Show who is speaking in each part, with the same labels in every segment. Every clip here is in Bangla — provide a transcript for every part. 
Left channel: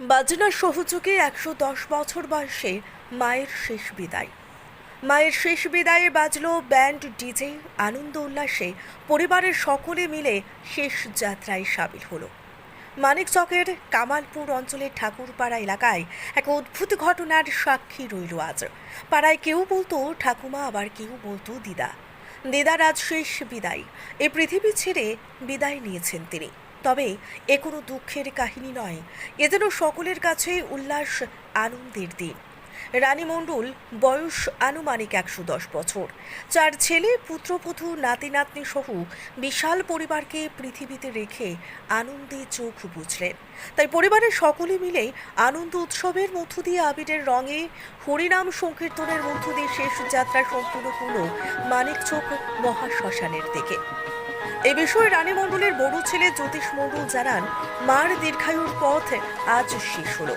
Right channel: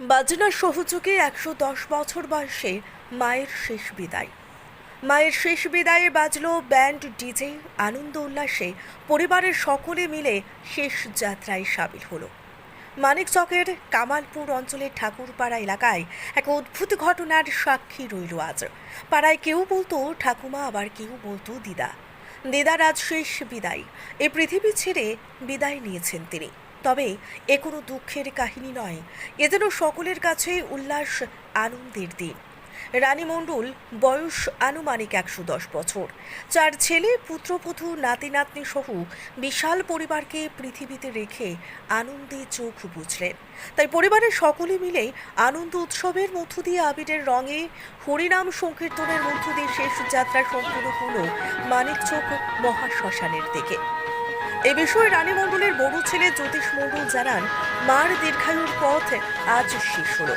Speaker 1: বাজনা সহযোগে একশো দশ বছর বয়সে মায়ের শেষ বিদায়। মায়ের শেষ বিদায়ে বাজলো ব্যান্ড, ডিজে, আনন্দ উল্লাসে পরিবারের সকলে মিলে শেষ যাত্রায় সামিল হলো। মানিক চকের কামালপুর অঞ্চলের ঠাকুরপাড়া এলাকায় এক অদ্ভুত ঘটনার সাক্ষী রইল আজ। পাড়ায় কেউ বলতো, ঠাকুমা, আবার কেউ বলতো, দিদা। দিদার আজ শেষ বিদায়। এ পৃথিবী ছেড়ে বিদায় নিয়েছেন তিনি। তবে এ কোনো দুঃখের কাহিনী নয়। এ যেন সকলের কাছে উল্লাস আনন্দের দিন। রানী মণ্ডল বয়স আনুমানিক একশো দশ বছর। চার ছেলে পুত্রবধূ নাতি, নাতনি সহ বিশাল পরিবারকে পৃথিবীতে রেখে আনন্দে চোখ বুঝলেন তাই পরিবারের সকলে মিলে আনন্দ উৎসবের মধ্য দিয়ে আবিরের রঙে হরিনাম সংকীর্তনের মধ্য দিয়ে শেষ যাত্রা সম্পূর্ণ হল মানিক মানিকচক মহাশ্মশানের দিকে। এ বিষয়ে রানী মণ্ডলের বড় ছেলে জ্যোতিষ মণ্ডল জানান, মার দীর্ঘায়ুর পথ আজ শেষ হলো।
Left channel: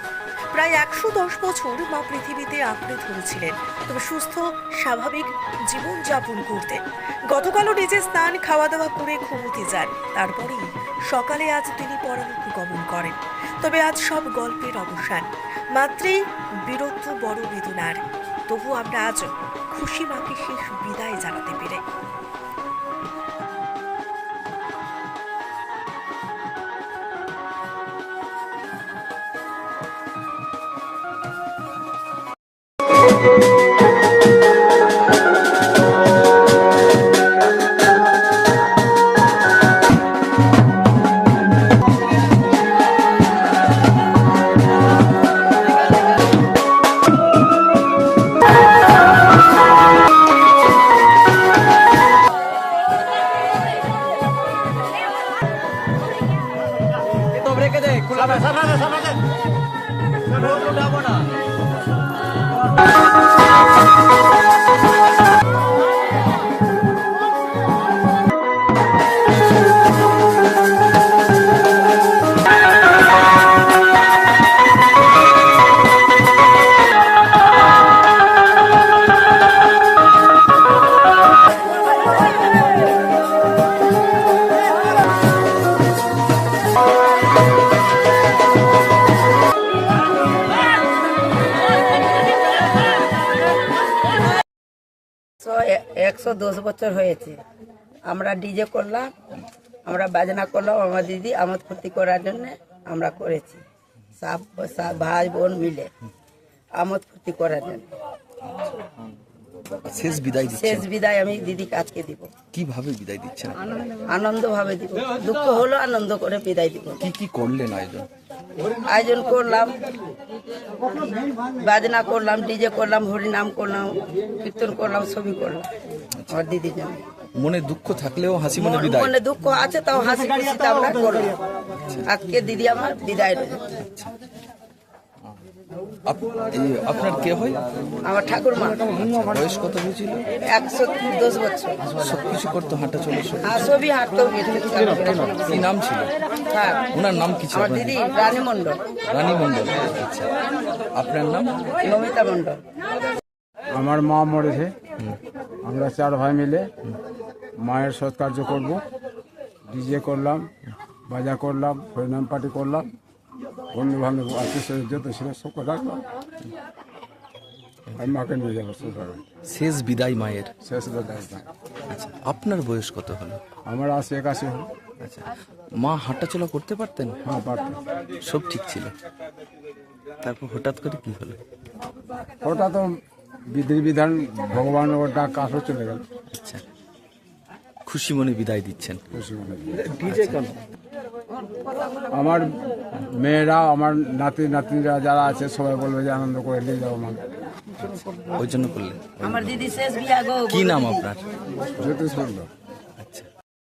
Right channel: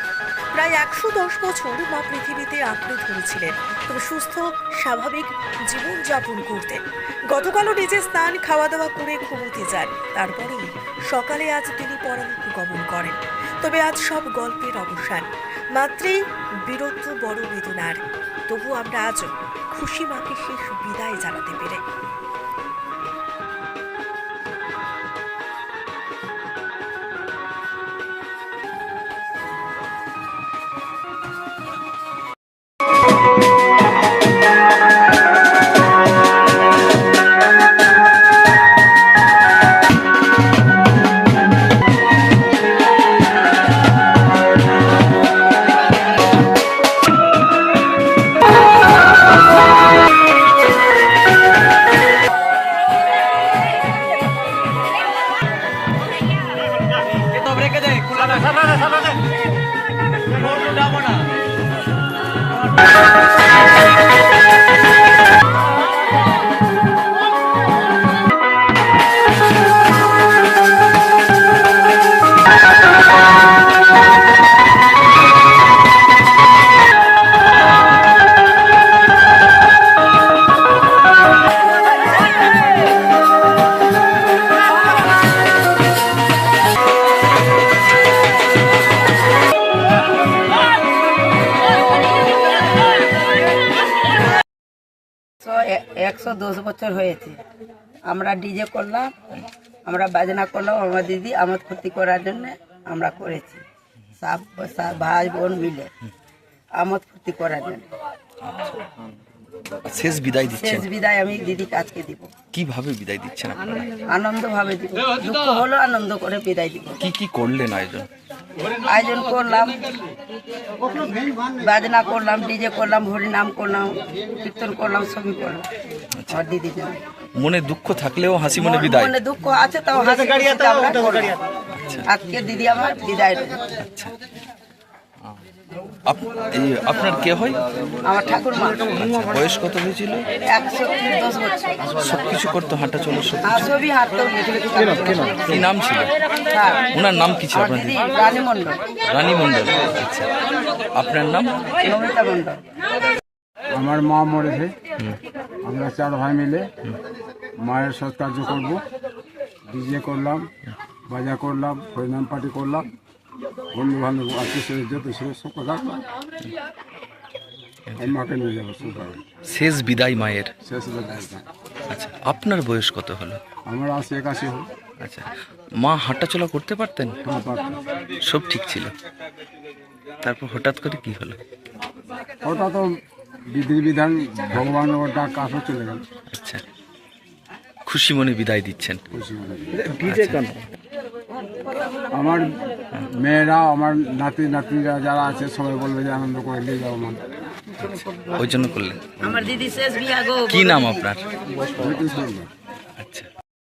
Speaker 1: প্রায় একশো দশ বছর মা পৃথিবীতে আঁকড়ে ধরেছিলেন। তবে সুস্থ, স্বাভাবিক জীবনযাপন করতেন গতকালও নিজে স্নান খাওয়া দাওয়া করে ঘুমোতে যান। তারপরেই সকালে আজ তিনি পরলোক গমন করেন। তবে আজ সব গল্পের অবসান। মাত্রেই বীরত্ব বড় বেদনার। তবু আমরা আজ খুশি মাকে শেষ বিদায় জানাতে পেরে।
Speaker 2: ব্রেকে দে খোলা না যাব না
Speaker 3: একশো দশ বছর হয়েছে। আমরা ডিজে করলাম আমরা বাজনা করলাম আমার দিদি আমোদ ফুর্তি করার জন্য আমরা করেছি। সব সব ভাই বোন মিলে আমোদ ফুর্তি করার জন্য।
Speaker 4: শেষ বিদায়
Speaker 3: শেষ বিদায় আমি দিদিকে আজকে দিব।
Speaker 4: কীভাবে বিদায় দিচ্ছেন
Speaker 3: আনন্দ ভাবে দিব। দুঃখ হলো আনন্দ করে বিদায় দিব।
Speaker 4: কি কি করলেন আয়োজন?
Speaker 3: আয়োজন করলাম বাজনা করলাম ডিজে করলাম হরিনাম করলাম কীর্তন করলাম ছবি করলাম। আমার দিদির জন্য
Speaker 4: মনে দুঃখ থাকলেও হাসি মনে বিদায়।
Speaker 3: মনে দুঃখ আছে তাও হাসি খুশিতে আমরা করব। আজকে দিদি আমার বিদায় দেবে।
Speaker 4: আপ- এই আপনার কে হয়?
Speaker 3: আমার ঠাকুর মা।
Speaker 4: আচ্ছা বয়স কত হয়েছিল?
Speaker 3: একশো দশ বছর।
Speaker 4: সবকিছু করতো হাঁটা চলো সব
Speaker 3: আর ছবি
Speaker 4: কি নাম ছিল?
Speaker 3: হ্যাঁ।
Speaker 4: ওনার নাম কি ছিল
Speaker 3: আমার
Speaker 4: আপনার?
Speaker 3: দিদি রানী মণ্ডল।
Speaker 4: রানী মণ্ডল। আচ্ছা। আপনার নাম?
Speaker 3: নমিতা মণ্ডল।
Speaker 5: আমার মা মরেছে। আমরা চার ভাই মিলে মায়ের সৎকার্য করব। ডিজে করলাম বাজা করলাম হরিনাম পার্টি করলাম। বন্ধু বান্ধব আত্মীয় যত ছিল সব কথা মাকে নিয়ে যাব
Speaker 4: শেষ বিদায় মায়ের?
Speaker 5: শেষ বেলায়
Speaker 4: আচ্ছা আপনার বয়স কত হলো?
Speaker 5: আমার আশি একাশি হল।
Speaker 4: আচ্ছা মা হাঁটাচলা করতে পারতেন?
Speaker 5: পারতাম
Speaker 4: সব ঠিক ছিল। তারপর হঠাৎ করে কি হলো?
Speaker 5: তো বিধি বিধান ভগবান ডাক আসো চলে গেল
Speaker 4: আচ্ছা। খুশি মনে বিদায় দিচ্ছেন।
Speaker 5: খুশি মনে
Speaker 4: আচ্ছা।
Speaker 5: আমার মেয়েরা আমার নাতি নাতিরা যারা আছে সবাই বলবে যে আনন্দ করে নিয়ে যাব মানে
Speaker 4: ওই জন্য করলেন।
Speaker 3: আমার দিদি শেষ বিয়া গো
Speaker 4: কি নাম আপনার?
Speaker 5: জ্যোতিষ মন্ডল
Speaker 4: আচ্ছা।